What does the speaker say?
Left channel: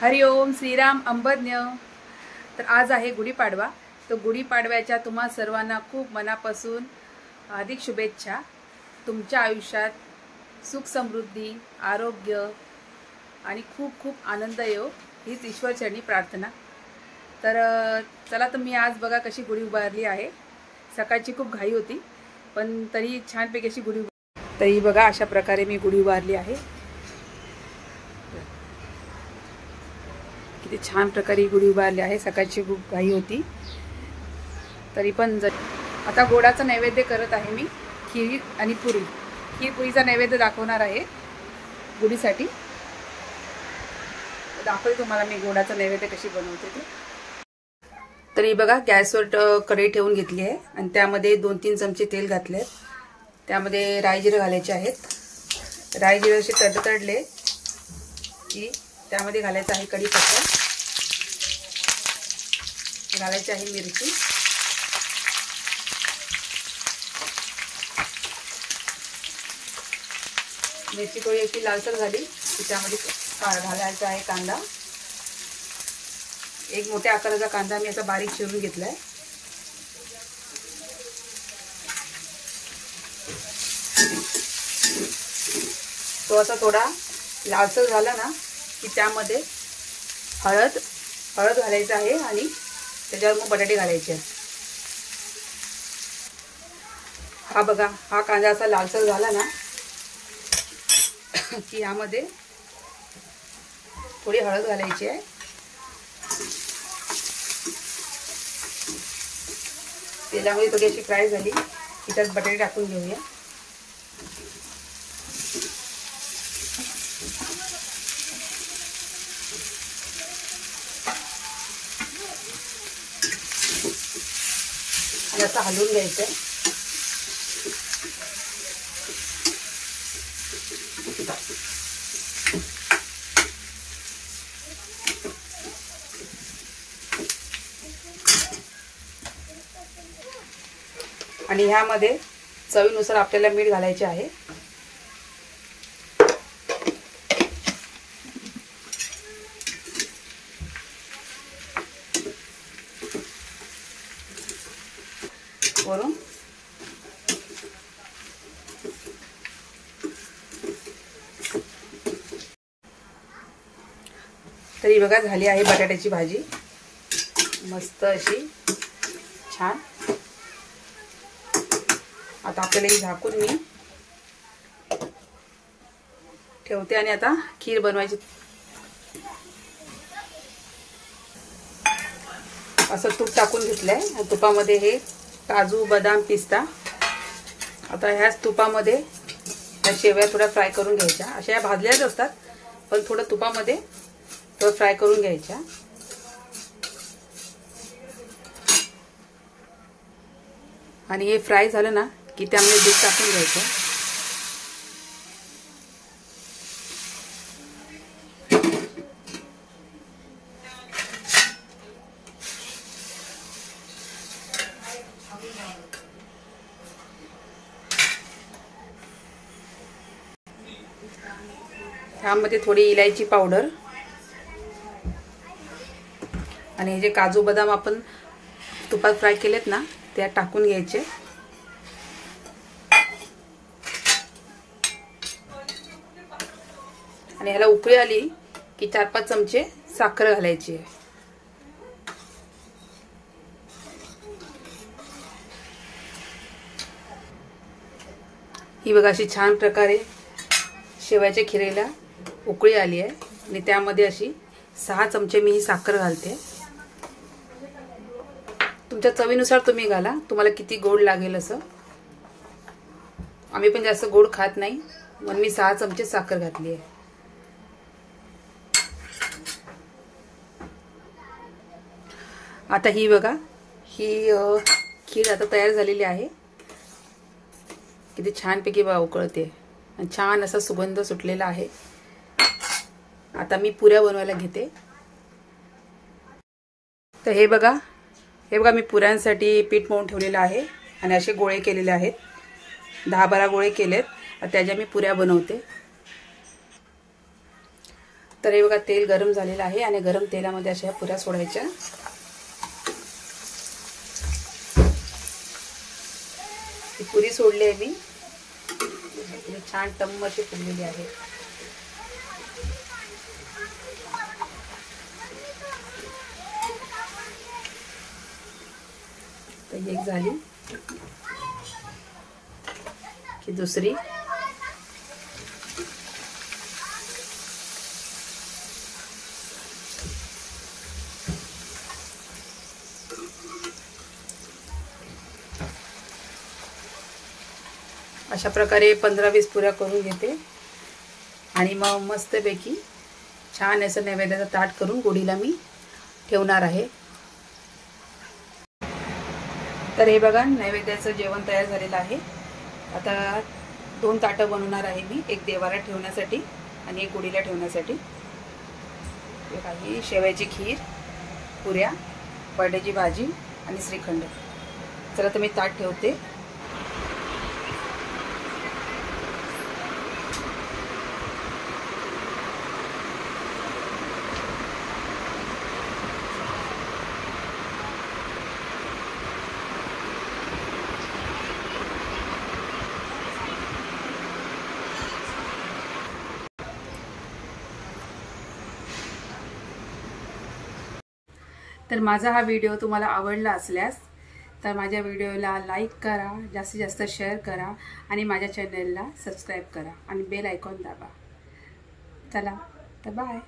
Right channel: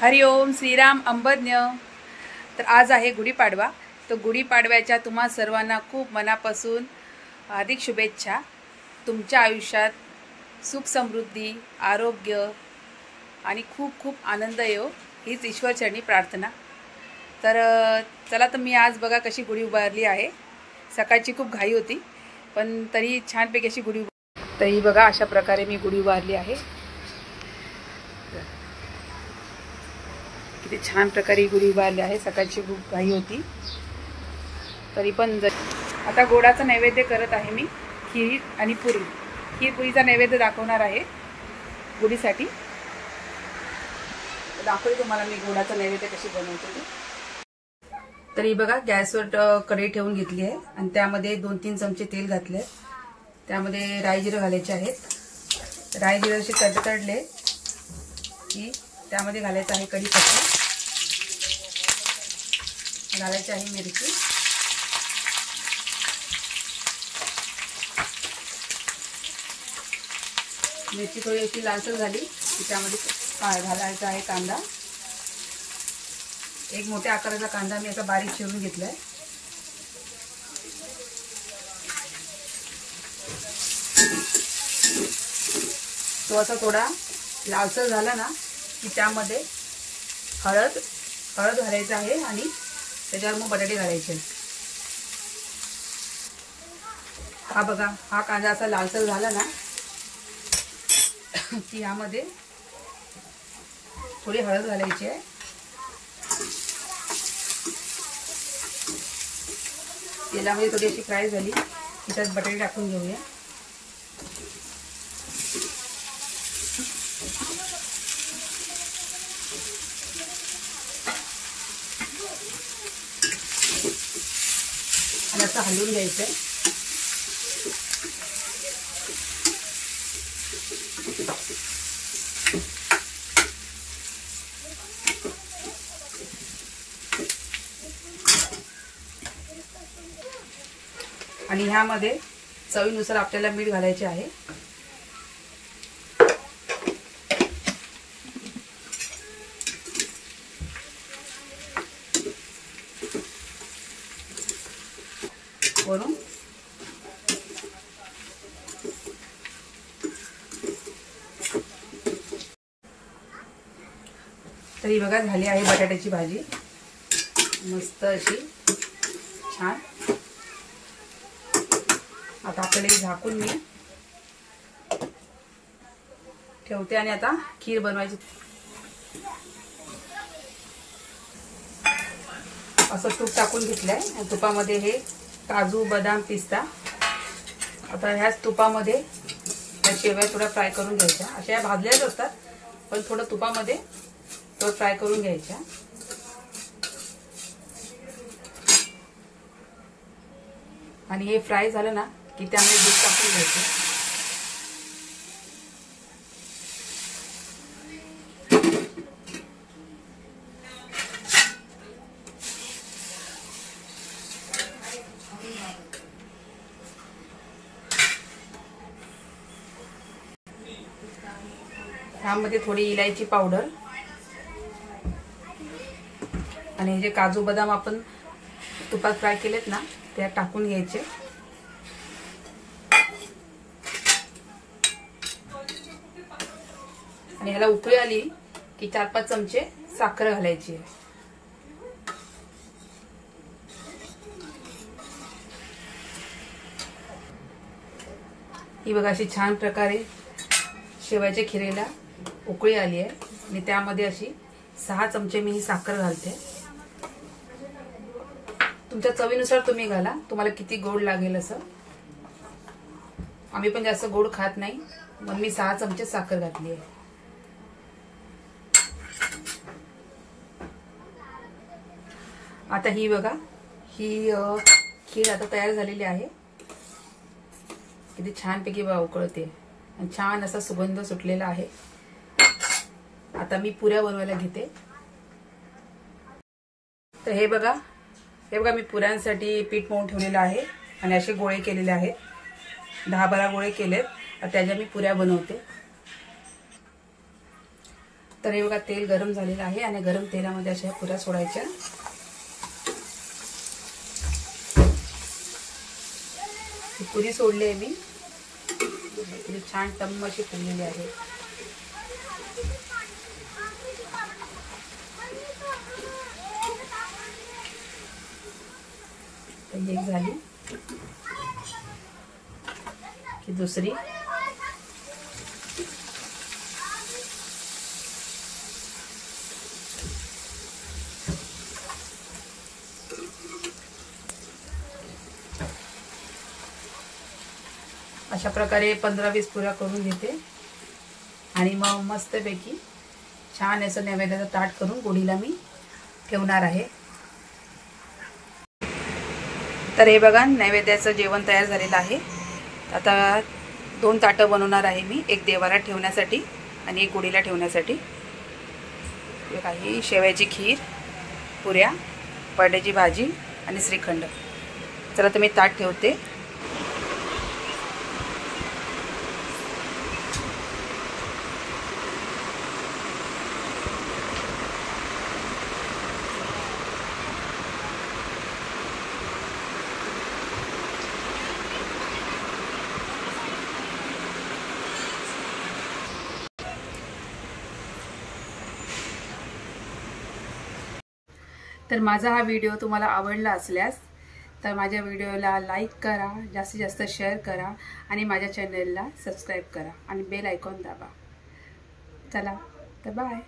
हरिओम श्रीराम अंबज्ञ। तर आज आहे गुढीपाडवा। तो गुढीपाडव्याच्या तुम्हा सर्वांना खूप मनापासून हार्दिक शुभेच्छा। तुमच्या आयुष्यात सुख समृद्धी आरोग्य आणि खूप खूप आनंद येवो हीच ईश्वरचरणी प्रार्थना। तर चला, तर मी आज बघा कशी गुढी उभारली आहे। सकाळची खूप घाई होती पण तरी छानपैकी अशी गुढी तरी बघा अशा प्रकारे मी गुढी उभारली आहे। किती छान प्रकारे गुढी उभारली आहे। सकाळची खूप घाई होती तरी पण आता गोडाचा नैवेद्य करत आहे मी। खीर आणि पुरी, खीर पुरीचा नैवेद्य दाखवणार आहे गुढीसाठी। दाखवते तुम्हाला मी गोडाचा नैवेद्य कशी बनवते ते। तरी बघा गॅसवर कढई ठेवून घेतली आहे आणि त्यामध्ये 2-3 चमचे तेल घातले। त्यामध्ये राई जिरे घालायचे आहेत। राई जिरे असे तडतडले की त्यामध्ये घालायचं आहे कढीपत्ता, घालायची आहे मिरची, मिरची थोडी अशी लालसर झाली की त्यामध्ये घालायचा आहे कांदा। एक मोठ्या आकाराचा कांदा मी असा बारीक चिरून घेतलाय। तो असा थोडा लालसर झाला ना की त्यामध्ये हळद घालायचं आहे आणि त्याच्यावर मग बटाटे घालायचे। हा बघा, हा कांदा असा लालसर झाला ना की यामध्ये थोडी हळद घालायची आहे। तेलामध्ये थोडी अशी फ्राय झाली की त्यात बटाटे टाकून घेऊया। असं हलवून घ्यायचंय। आणि ह्यामध्ये चवीनुसार आपल्याला मीठ घालायचे आहे। वरून तरी बघा झाली आहे बटाट्याची भाजी मस्त अशी छान। आता आपल्याला झाकून मी ठेवते आणि आता खीर बनवायची। असं तूप टाकून घेतलंय। तुपामध्ये हे काजू बदाम पिस्ता, आता ह्याच तुपामध्ये या शेवया थोड्या फ्राय करून घ्यायच्या। अशा या भाजल्याच असतात पण थोडं तुपामध्ये थोडं फ्राय करून घ्यायच्या। आणि हे फ्राय झालं ना की त्यामध्ये दूध टाकून घ्यायचं। त्यामध्ये थोडी इलायची पावडर आणि हे जे काजू बदाम आपण तुपात फ्राय केलेत ना ते टाकून घ्यायचे। आणि ह्याला उकळी आली की 4-5 चमचे साखर घालायची आहे। ही बघा अशी छान प्रकारे शेवयाच्या खिरीला उकळी आली आहे आणि त्यामध्ये अशी 6 चमचे मी ही साखर घालते। तुमच्या चवीनुसार तुम्ही घाला, तुम्हाला किती गोड लागेल असं। आम्ही पण जास्त गोड खात नाही म्हणून मी 6 चमचे साखर घातली आहे। आता ही बघा ही खीर आता तयार झालेली आहे। किती छानपैकी उकळते, छान असा सुगंध सुटलेला आहे। आता मी पुऱ्या बनवायला घेते। तर हे बघा मी पुऱ्यांसाठी पीठ मळून ठेवलेलं आहे आणि असे गोळे केलेले आहेत। 10-12 गोळे केलेत। त्याच्या मी पुऱ्या बनवते। तर हे बघा तेल गरम झालेलं आहे आणि गरम तेलामध्ये अशा पुऱ्या सोडायच्या. ही पुरी सोडली आहे मी. छान टम्म अशी फुललेली आहे. तर एक झाली की दुसरी. अशा प्रकारे 15-20 पुऱ्या करून घेते आणि मग मस्तपैकी छान असं नैवेद्याचं ताट करून गुढीला मी ठेवणार आहे. तर हे बघा नैवेद्याचं जेवण तयार झालेलं आहे. आता 2 ताटं बनवणार आहे मी, एक देवाला ठेवण्यासाठी आणि एक गुढीला ठेवण्यासाठी. काही शेवयाची खीर, पुऱ्या, बटाट्याची भाजी आणि श्रीखंड. चला तर मी ताट ठेवते. तर माझा हा व्हिडिओ तुम्हाला आवडला असल्यास तर माझ्या व्हिडिओला लाईक करा, जास्तीत जास्त शेअर करा आणि माझ्या चॅनलला सबस्क्राईब करा आणि बेल आयकॉन दाबा. चला तर बाय.